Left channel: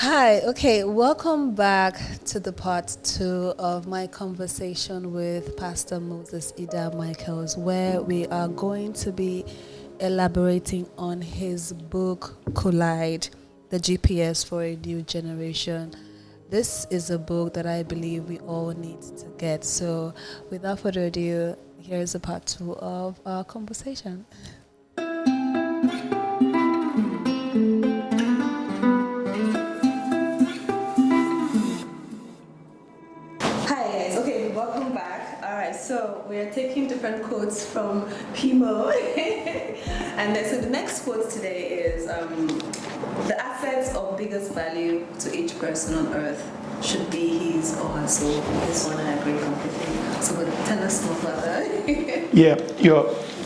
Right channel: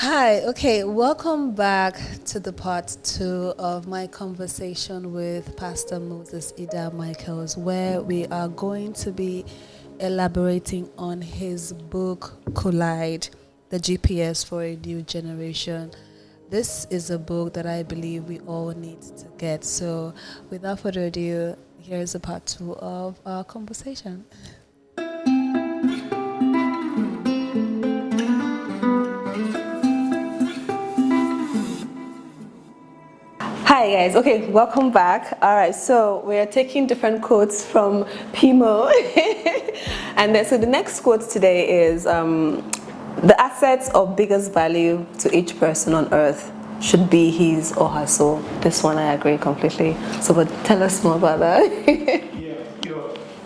Hi, okay, welcome back to the part two of my conversation with Pastor Moses Ida Michaels, where we are going to be elaborating on his book, Collide, the GPS for a New Generation. This is a book that I believe we all need to get. So, without further ado, here's a part two of our conversation. Hi guys, okay, welcome back. All right, so we're taking different quotes from Pimo. And then, so the next quote today is the assets of biggest value to each person on earth should be his or her soul. This one I agree completely. So, but tell us more about that.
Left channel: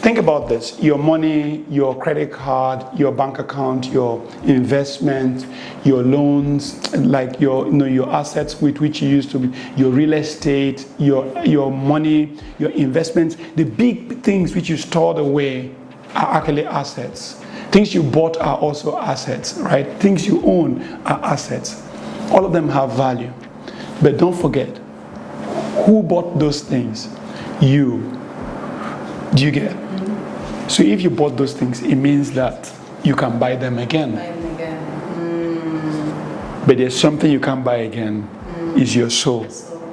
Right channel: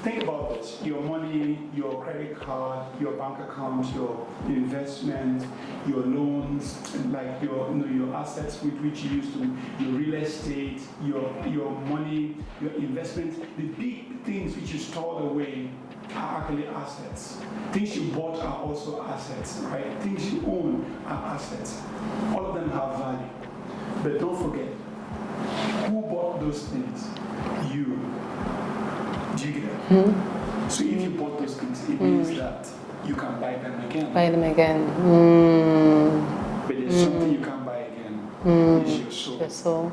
Think about this. Your money, your credit card, your bank account, your investment, your loans, like your assets with which you used to be, your real estate, your money, your investments, the big things which you stored away are actually assets. Things you bought are also assets, right? Things you own are assets. All of them have value. But don't forget, who bought those things? You. Do you get it? Mm. So if you bought those things, it means that you can buy them again. Buy them again. Mm. But there's something you can't buy again, is your soul. Your soul.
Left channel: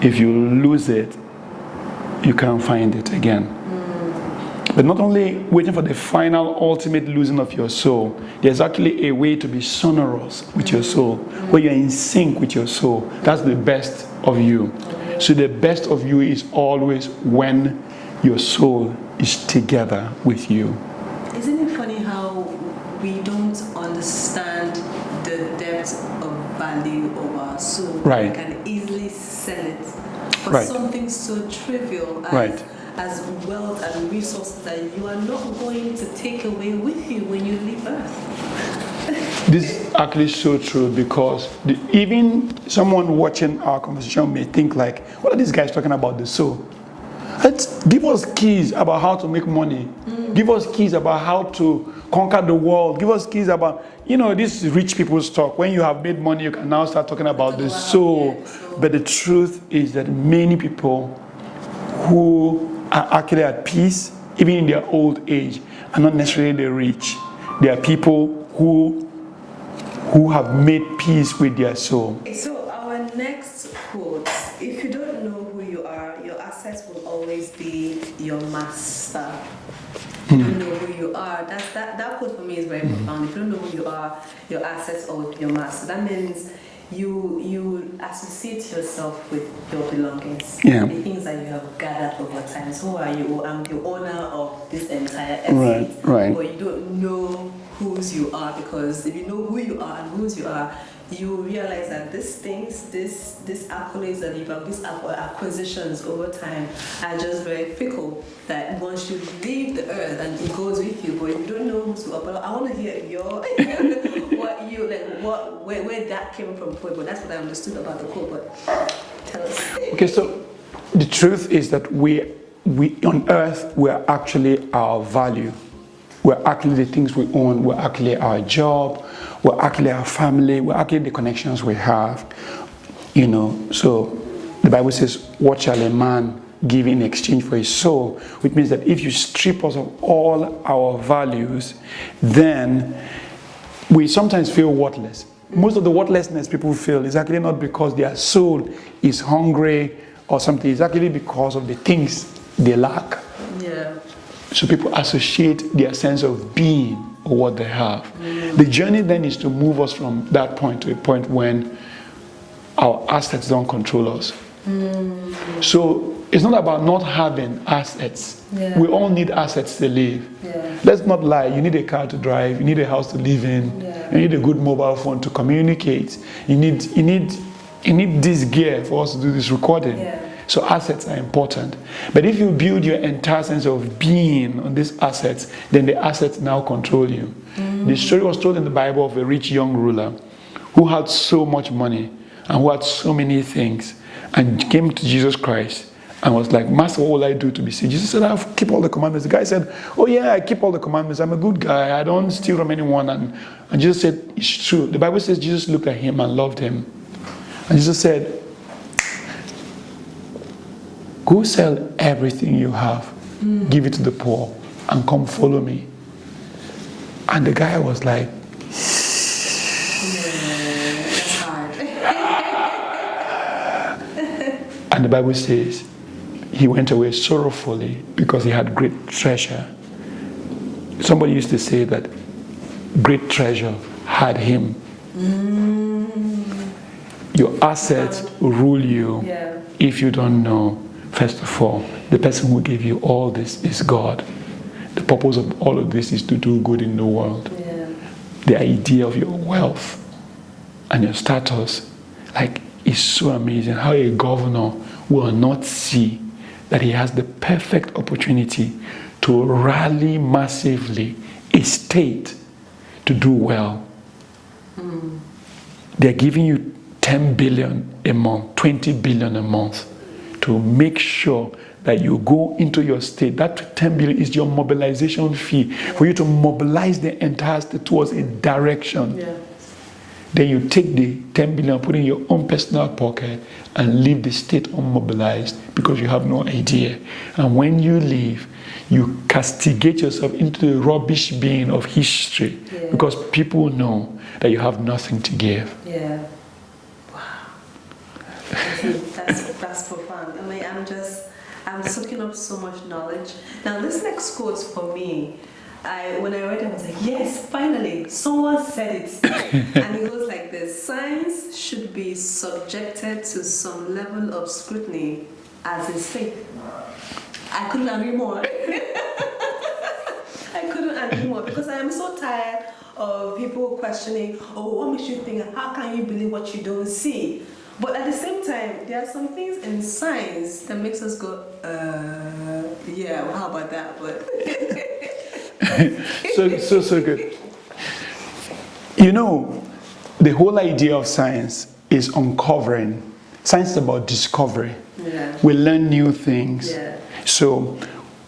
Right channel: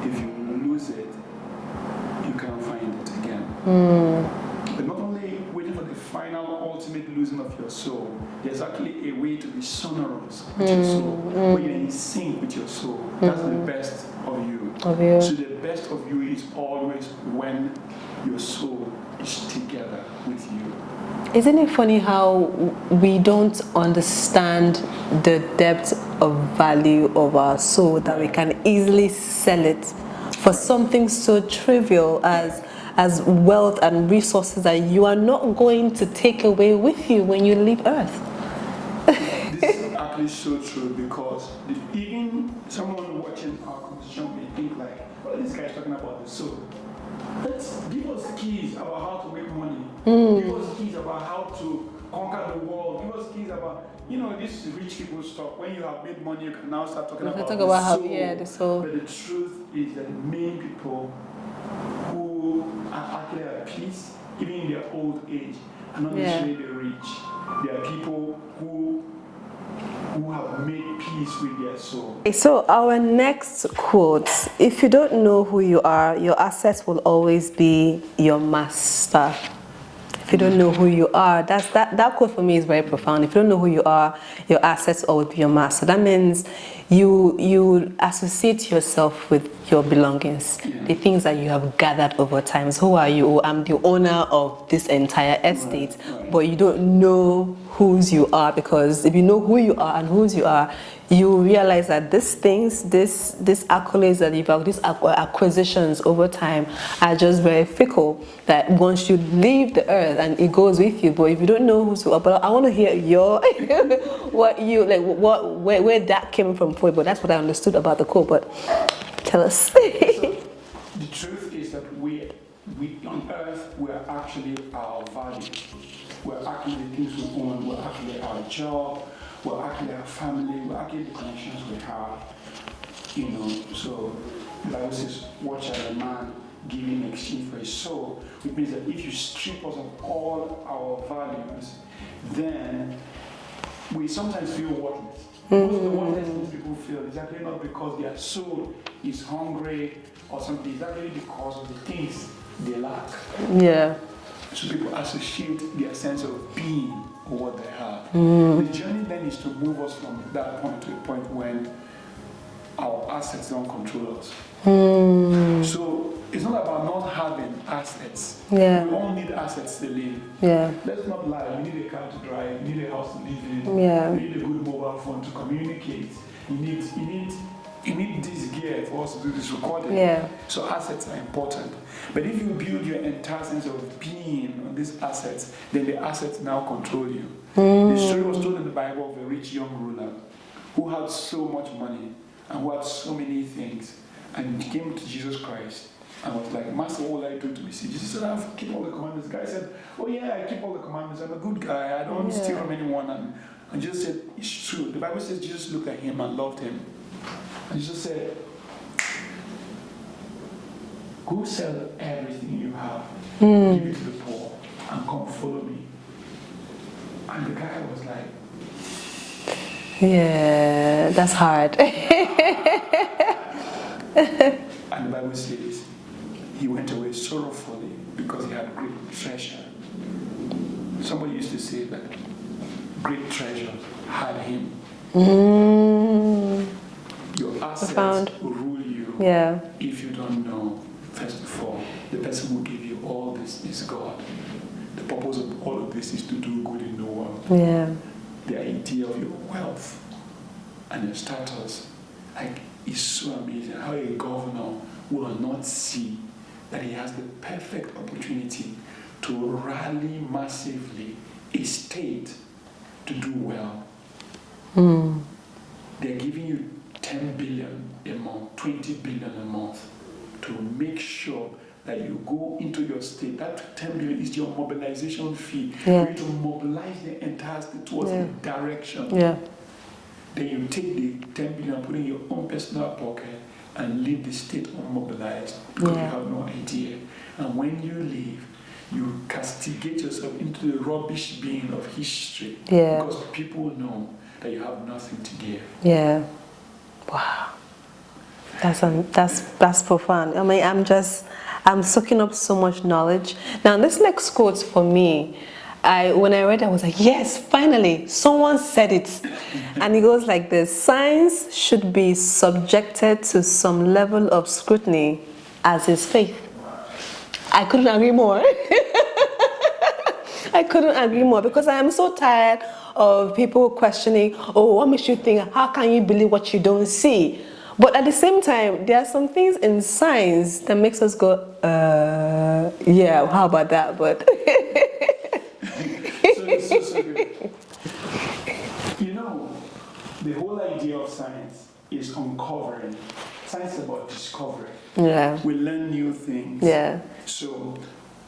If you lose it, you can't find it again. But not only waiting for the final ultimate losing of your soul, there's actually a way to be sonorous with your soul, where you're in sync with your soul. That's the best of you. So the best of you is always when your soul is together with you. Isn't it funny how we don't understand the depth of value of our soul, that we can easily sell it for something so trivial as wealth and resources that you are not going to take away with you when you leave earth? This is actually so true, because even someone watching our conversation may think like, what are these guys talking about the soul? Give us keys about how to make money. Give us keys about how to conquer the world. Give us keys about, this is rich people's talk. When you have made money, you can now start talking about the soul. The soul. But the truth is that many people who are actually at peace, even in their old age, are not necessarily rich. They are people who have made peace with their soul. So our next quote: if you don't know who you are, your assets will always be your master. If you don't know who you are, that quote for me is very profound. If you don't know who you are, your assets will always be your master. That means you associate yourself with your belongings, the things that you have gathered over time. So who are you? I'm the owner of this entire estate, but you don't know whose you are, because if you know who you are and whose you are, you realize that these things, these accolades that you've had, these acquisitions over time are just very fickle, that once you leave the earth and it goes with you. But if you don't know who you are, but I want to hear your where that came from, but that's what I understood about the quote. But tell us. Okay, so the truth is that we on earth, we're actually our value. We're actually the things we own. We're actually our job. We're actually our family. We're actually the connections we have. So the Bible says, what shall a man give in exchange for his soul? Which means that if you strip us of all our values, then we sometimes feel worthless. Most of the worthlessness people feel is actually not because their soul is hungry or something. It's actually because of the things they lack. Yeah. So people associate their sense of being or what they have. The journey then is to move us from that point to a point when our assets don't control us. So it's not about not having assets. We all need assets to live. Let's not lie. You need a car to drive. You need a house to live in. You need a good mobile phone to communicate. You need this gear for us to do this recording. So assets are important. But if you build your entire sense of being on these assets, then the assets now control you. The story was told in the Bible of a rich young ruler who had so much money and who had so many things, and came to Jesus Christ and was like, Master, what will I do to be saved? Jesus said, I keep all the commandments. The guy said, oh yeah, I keep all the commandments. I'm a good guy. I don't steal from anyone. And Jesus said, it's true. The Bible says Jesus looked at him and loved him. And Jesus said, go sell everything you have, give it to the poor, and come follow me. And the guy was like, yeah, that's hard. And the Bible says, he went away sorrowfully because he had great treasure. Somebody used to say that great treasure had him. Your assets rule you if you don't know, first of all, the person who gave you all this is God. The purpose of all of this is to do good in the world. Yeah. The idea of your wealth and your status, like, is so amazing. How a governor will not see that he has the perfect opportunity to rally massively a state to do well. They're giving you 10 billion a month, 20 billion a month to make sure that you go into your state. That 10 billion is your mobilization fee for you to mobilize the entire state towards a direction. Yeah. Then you take the 10 billion, put in your own personal pocket, and leave the state unmobilized because you have no idea. And when you leave, you castigate yourself into the rubbish bin of history because people know that you have nothing to give. Yeah. Wow. That's profound. I mean, I'm soaking up so much knowledge. Now, this next quote for me, when I read it, I was like, yes, finally, someone said it. And it goes like this: science should be subjected to some level of scrutiny, as is faith. I couldn't agree more. I couldn't agree more, because I am so tired of people questioning, oh, what makes you think, how can you believe what you don't see? But at the same time, there are some things in science that makes us go, yeah, how about that? But so good. You know, the whole idea of science is uncovering. Science is about discovery. Yeah. We learn new things. Yeah. So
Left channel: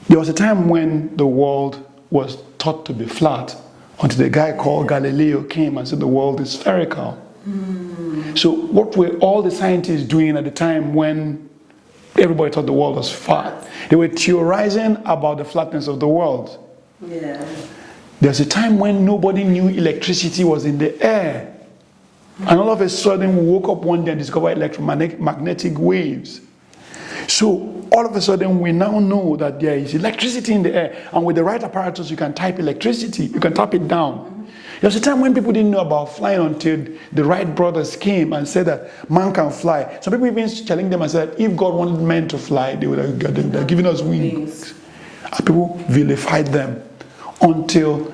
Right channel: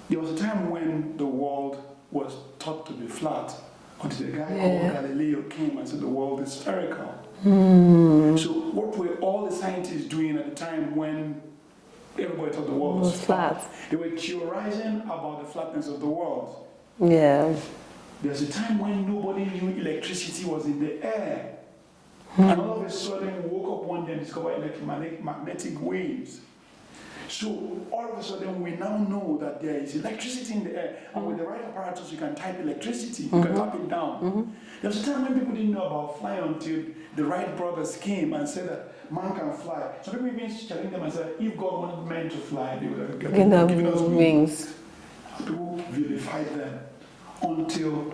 there was a time when the world was thought to be flat, until the guy called Galileo came and said the world is spherical. So what were all the scientists doing at the time when everybody thought the world was flat? They were theorizing about the flatness of the world. Yeah. There's a time when nobody knew electricity was in the air. And all of a sudden we woke up one day and discovered electromagnetic waves. So all of a sudden we now know that there is electricity in the air, and with the right apparatus you can type electricity, you can tap it down. There's a time when people didn't know about flying until the Wright brothers came and said that man can fly. Some people even challenged them and said if God wanted men to fly, they would have given us wings. And people vilified them until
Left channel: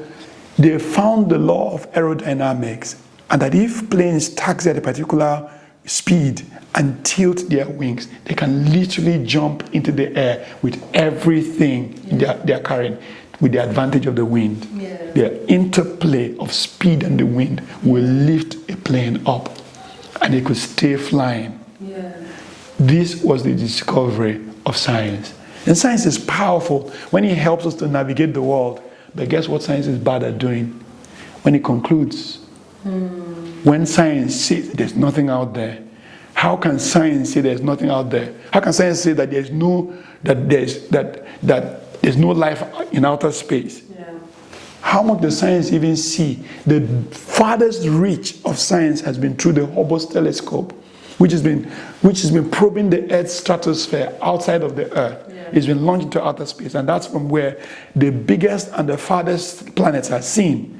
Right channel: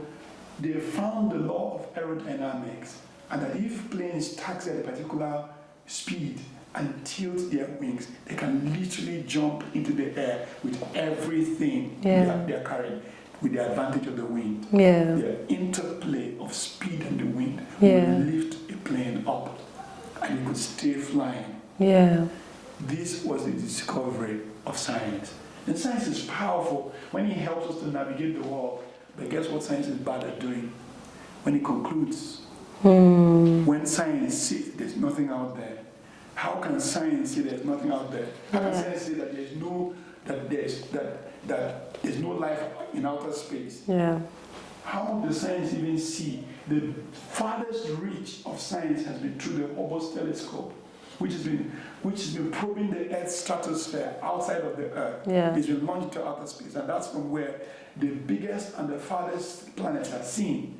they found the law of aerodynamics, and that if planes taxi at a particular speed and tilt their wings, they can literally jump into the air with everything they're carrying, with the advantage of the wind. The interplay of speed and the wind will lift a plane up, and they could stay flying. This was the discovery of science. And science is powerful when it helps us to navigate the world. But guess what science is bad at doing? When it concludes. When science says there's nothing out there, how can science say there's nothing out there? How can science say that there's no life in outer space? How much does science even see? The farthest reach of science has been through the Hubble telescope, which has been probing the Earth's stratosphere outside of the Earth. It's been launched into outer space, and that's from where the biggest and the farthest planets are seen.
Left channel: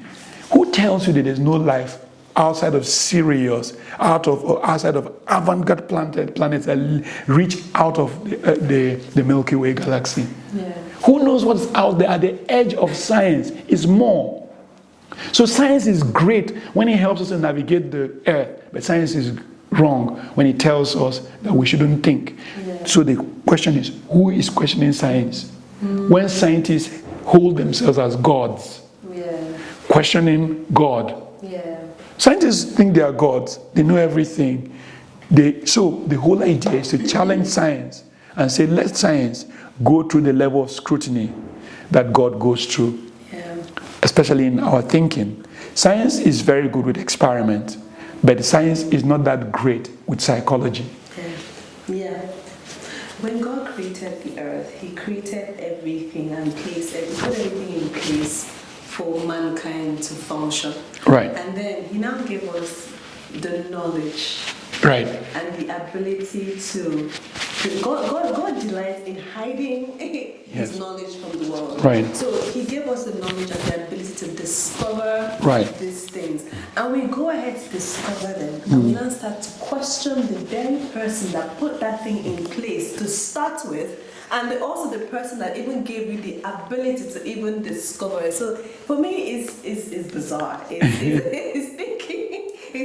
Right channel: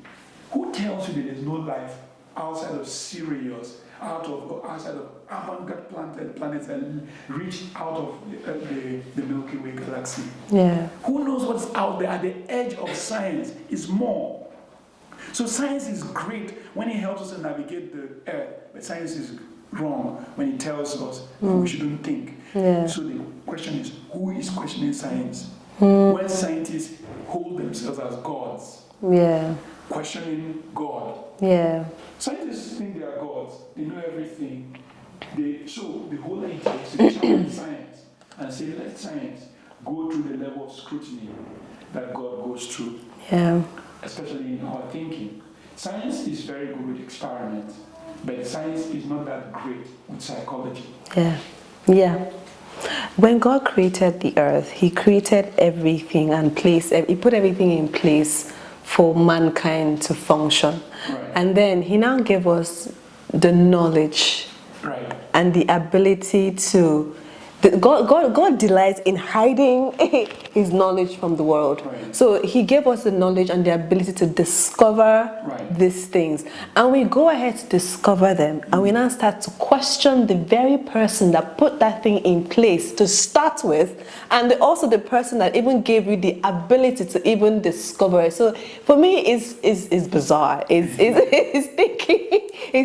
Who tells you that there's no life outside of Sirius, outside of avant-garde planets that reach out of the Milky Way galaxy? Who knows what's out there at the edge of science? Is more. So science is great when it helps us to navigate the Earth, but science is wrong when it tells us that we shouldn't think. So the question is, who is questioning science? When scientists hold themselves as gods, questioning God. Scientists think they are gods. They know everything. So the whole idea is to challenge science and say, let science go through the level of scrutiny that God goes through, especially in our thinking. Science is very good with experiments, but science is not that great with psychology. Yeah. When God created the earth, he created everything and he put everything in place for mankind to function. Right. And then he now gave us the knowledge. Right. And the ability to... God delights in hiding his knowledge from the world. Right. So he gave us the knowledge and the ability to discover these things. And we go ahead to discover them. And we now start to question the very person that put that thing in place to start with. And also the person that even gave you the ability to even discover it. So for me, it's bizarre. It's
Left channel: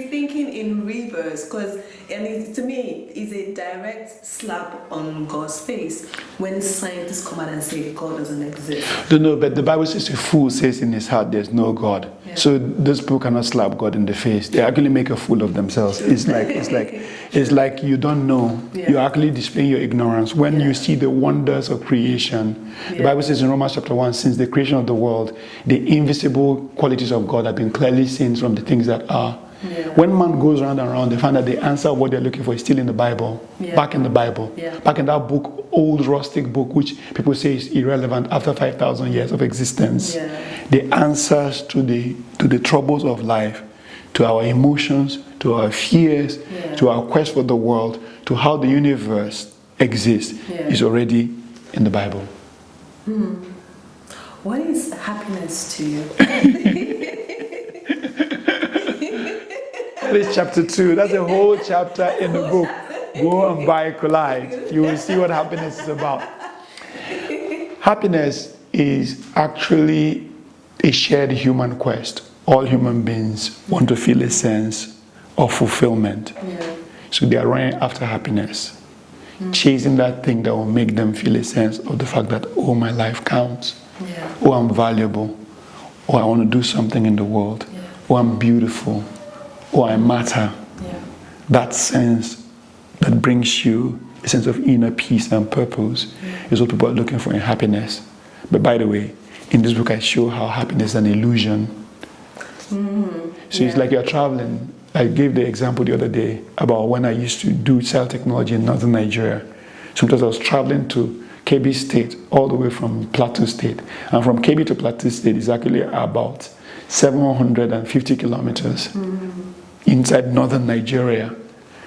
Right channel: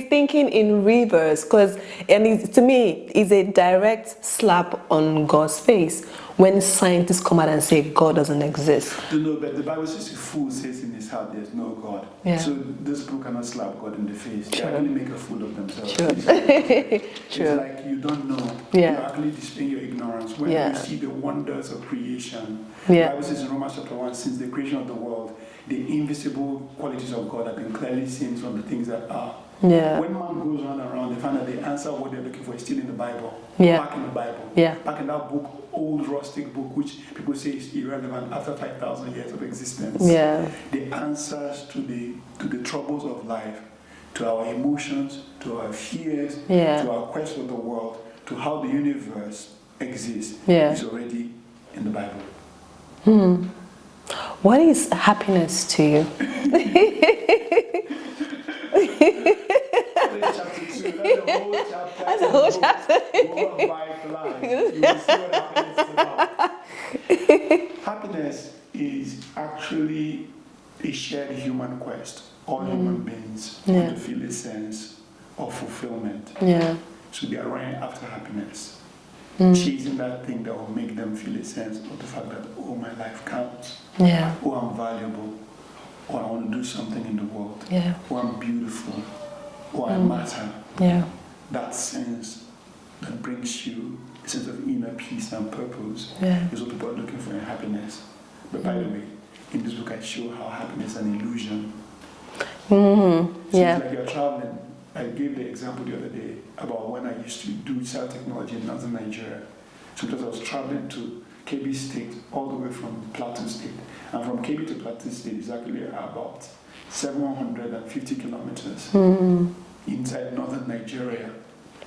thinking in reverse, to me, it's a direct slap on God's face when scientists come out and say God doesn't exist. No, but the Bible says a fool says in his heart there's no God. Yeah. So those people cannot slap God in the face. They actually make a fool of themselves. It's like you don't know. Yeah. You're actually displaying your ignorance when you see the wonders of creation. The Bible says in Romans chapter 1, since the creation of the world, the invisible qualities of God have been clearly seen from the things that are. Yeah. When man goes round and round, they find that the answer of what they're looking for is still in the Bible, back in the Bible, back in that book, old rustic book, which people say is irrelevant after 5,000 years of existence. Yeah. The answers to the troubles of life, to our emotions, to our fears, to our quest for the world, to how the universe exists, is already in the Bible. What is happiness to you? That is chapter 2. That's the whole chapter in the book. Go and buy Collide. You will see what happiness is about. Happiness is actually a shared human quest. All human beings want to feel a sense of fulfillment. So they are running after happiness, chasing that thing that will make them feel a sense of the fact that, oh, my life counts. Oh, I'm valuable. Oh, I want to do something in the world. Oh, I'm beautiful. Oh, I matter. That sense that brings you a sense of inner peace and purpose is what people are looking for in happiness. But by the way, in this book I show how happiness is an illusion. So it's like you're traveling. I gave the example the other day about when I used to do child technology in northern Nigeria. Sometimes I was traveling to Kebbi State all the way from Plateau State. And from Kebbi to Plateau State is actually about 750 kilometers inside northern Nigeria.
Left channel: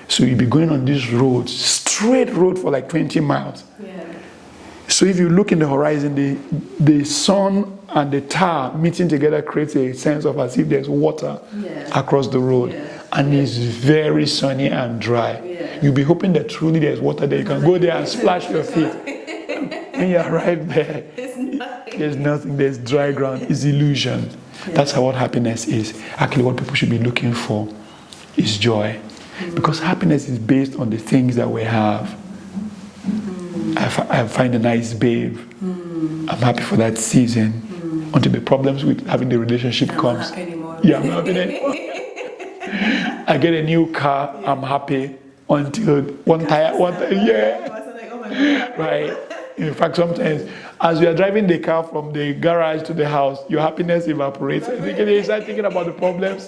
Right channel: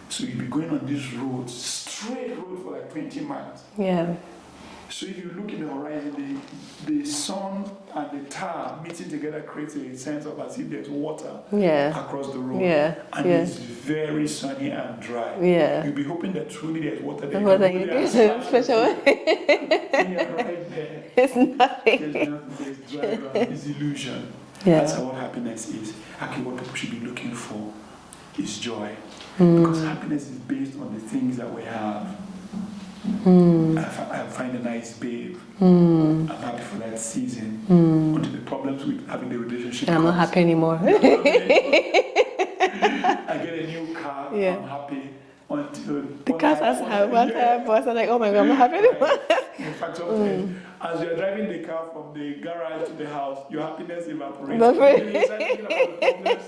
So you'll be going on this road, straight road for like 20 miles. So if you look in the horizon, the sun and the tar meeting together creates a sense of as if there's water across the road. And it's very sunny and dry. You'll be hoping that truly there's water there. You can go there and splash your feet. When you arrive there, there's nothing. There's dry ground. It's illusion. That's how what happiness is. Actually, what people should be looking for is joy. Because happiness is based on the things that we have. I find a nice babe. I'm happy for that season. Until the problems with having the relationship comes. I'm not happy anymore. I'm not happy anymore. I get a new car. I'm happy until one tire. I'm like, oh my God, I'm not happy anymore. In fact, sometimes as you are driving the car from the garage to the house, your happiness evaporates. You start thinking about the problems.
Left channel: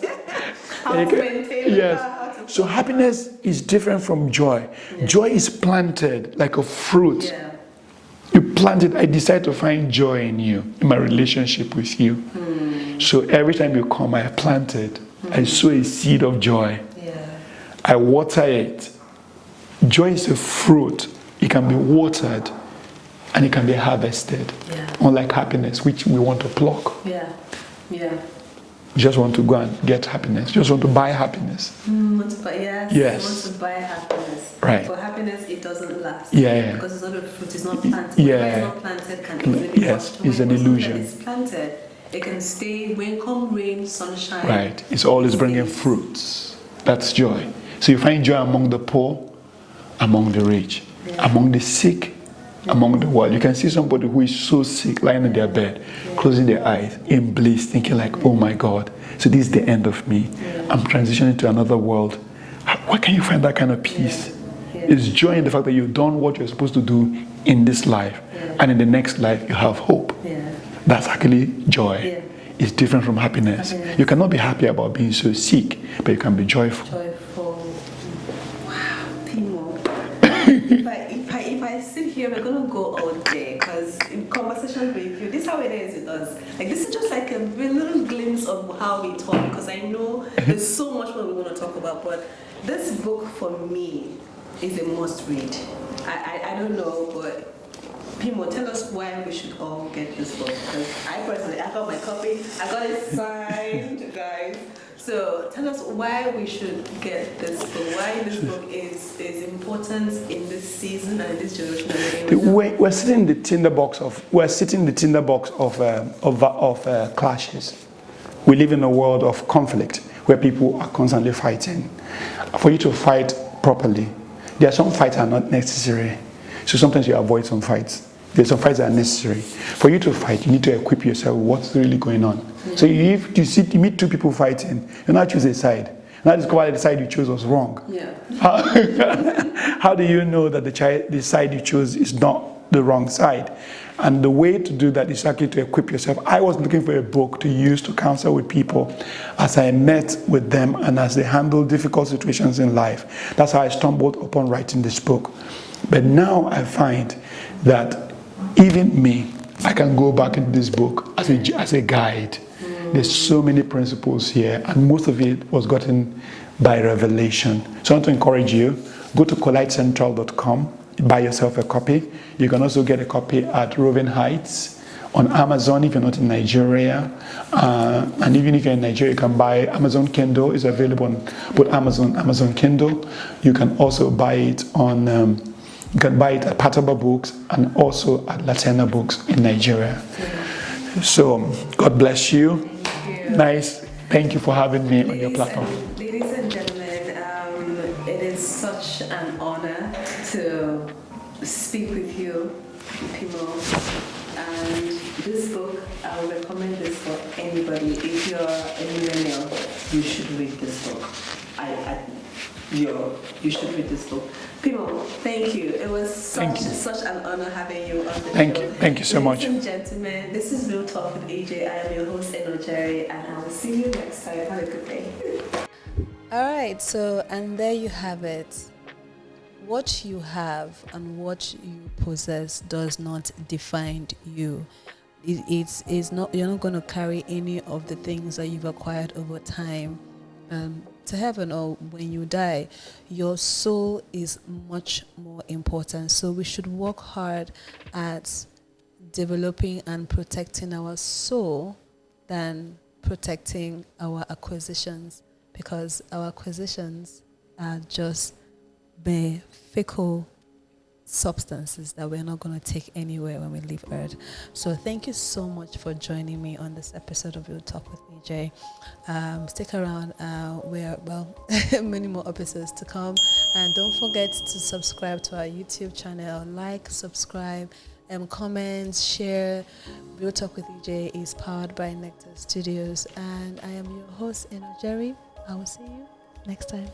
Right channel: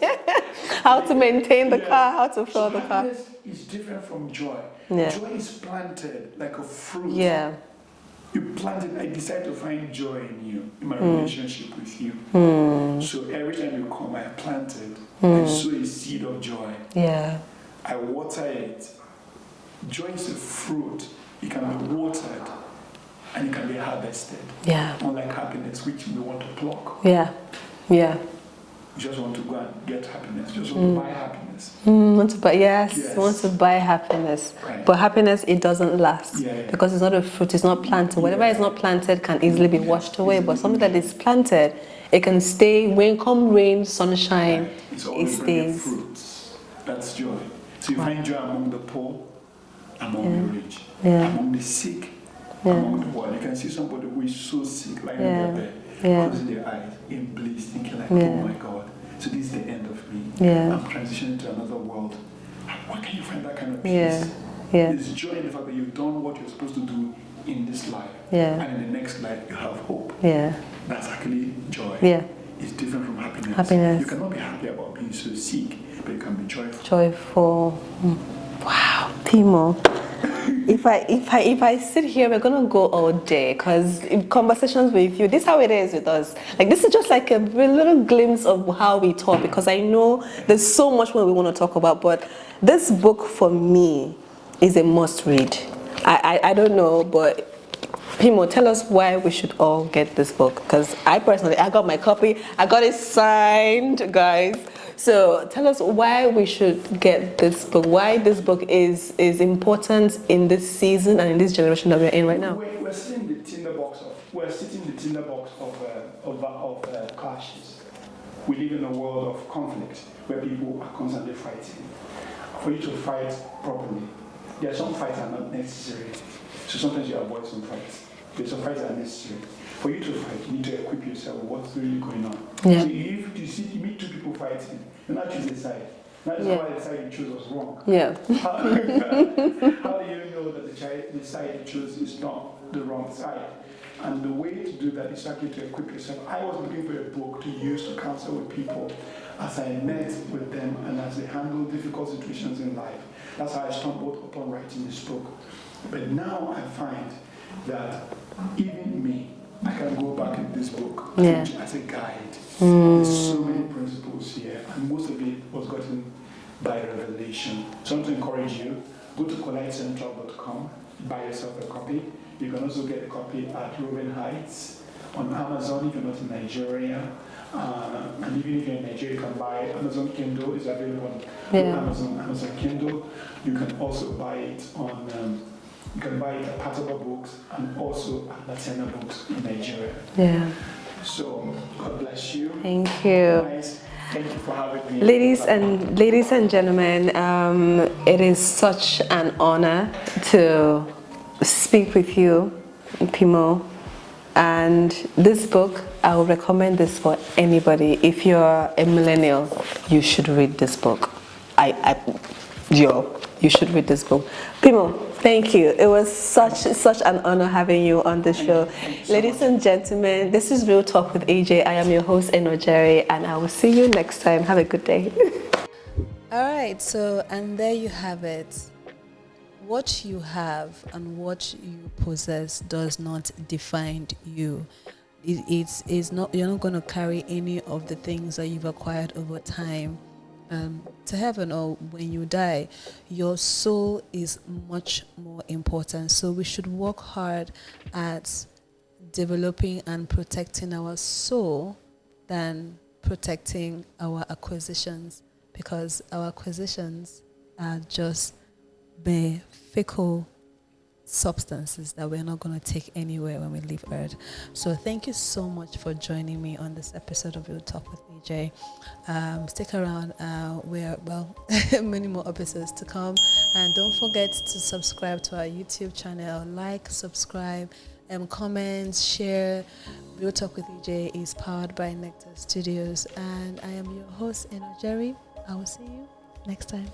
How to maintain the car, how to So happiness is different from joy. Joy is planted like a fruit. You plant it. I decide to find joy in you, in my relationship with you. So every time you come, I plant it. I sow a seed of joy. I water it. Joy is a fruit. It can be watered and it can be harvested. Unlike happiness, which we want to pluck. You just want to go and get happiness. You just want to buy happiness. Want to buy, want to buy happiness. But happiness, it doesn't last. Because it's not a fruit, it's not planted. Whatever is not planted can easily be washed away. But something that is planted, it can stay, when come rain, sunshine. It's always bringing fruits. That's joy. So you find joy among the poor, among the rich, among the sick, among the world. You can see somebody who is so sick, lying in their bed, closing their eyes, in bliss, thinking like, oh my God, so this is the end of me. I'm transitioning to another world. Where can you find that kind of peace? Yeah. It's joy in the fact that you've done what you're supposed to do in this life. Yeah. And in the next life, you have hope. Yeah. That's actually joy. Yeah. It's different from happiness. You cannot be happy about being so sick, but you can be joyful. Joyful. Wow, Pimo. if I sit here, we're gonna go all day, because in conversations with you, this is how it is with us. Like, this is just like a little glimpse of how we talk, because I know there's so much more we want to talk about. But this book for me is a must read. I don't know, but Pimo, tell us why we should all get this book, because I got my copy, I got it signed, guys. So tell us why we should get this book, why this book is important in this season and in this generation that we're in right now. We're sitting in the tinderbox of clashes. We live in a world of conflict where people are constantly fighting. For you to fight properly, there are some fights that are not necessary. So sometimes you avoid some fights. There's some fights that are necessary. For you to fight, you need to equip yourself with what's really going on. Yeah. So if you meet two people fighting, you not choose a side. You not discover that the side you chose was wrong. Yeah. How do you know that the side you chose is not the wrong side? And the way to do that is actually to equip yourself. I was looking for a book to use to counsel with people as I met with them and as they handle difficult situations in life. That's how I stumbled upon writing this book. But now I find that even me, I can go back in this book as a guide. There's so many principles here, and most of it was gotten by revelation. So I want to encourage you, go to collidecentral.com, buy yourself a copy. You can also get a copy at Roving Heights, on Amazon if you're not in Nigeria. And even if you're in Nigeria, you can buy Amazon Kindle. It's available on both Amazon Kindle. You can also buy it on... you can buy it at Pataba Books and also at Latena Books in Nigeria. Yeah. So, God bless you. Thank you. Nice. Thank you for having me. Ladies and gentlemen, it is such an honor to speak with you, Pimo. And this book, I would recommend this for anybody. If you're a millennial, you should read this book. You should read this book. Pimo, thank you. It was such an honor having you on the show. Thank you so much. Ladies and gentlemen, this is Real Talk with Ejay. I am your host, Ejay, and I will see you next time. Have a good day. All right, so, and there you have it. What you have and what you possess does not define you. It's not. You're not going to carry any of the things that you've acquired over time to heaven, or when you die. Your soul is much more important. So we should work hard at developing and protecting our soul than protecting our acquisitions, because our acquisitions are just mere fickle substances that we're not going to take anywhere when we leave Earth. So thank you so much for joining me on this episode of Real Talk with Ejay. Stick around. Many more episodes to come, and don't forget to subscribe to our YouTube channel. Like, subscribe, comment, share. Real Talk with Ejay is powered by Nectar Studios, and I am your host, Ejay. I will see you next time.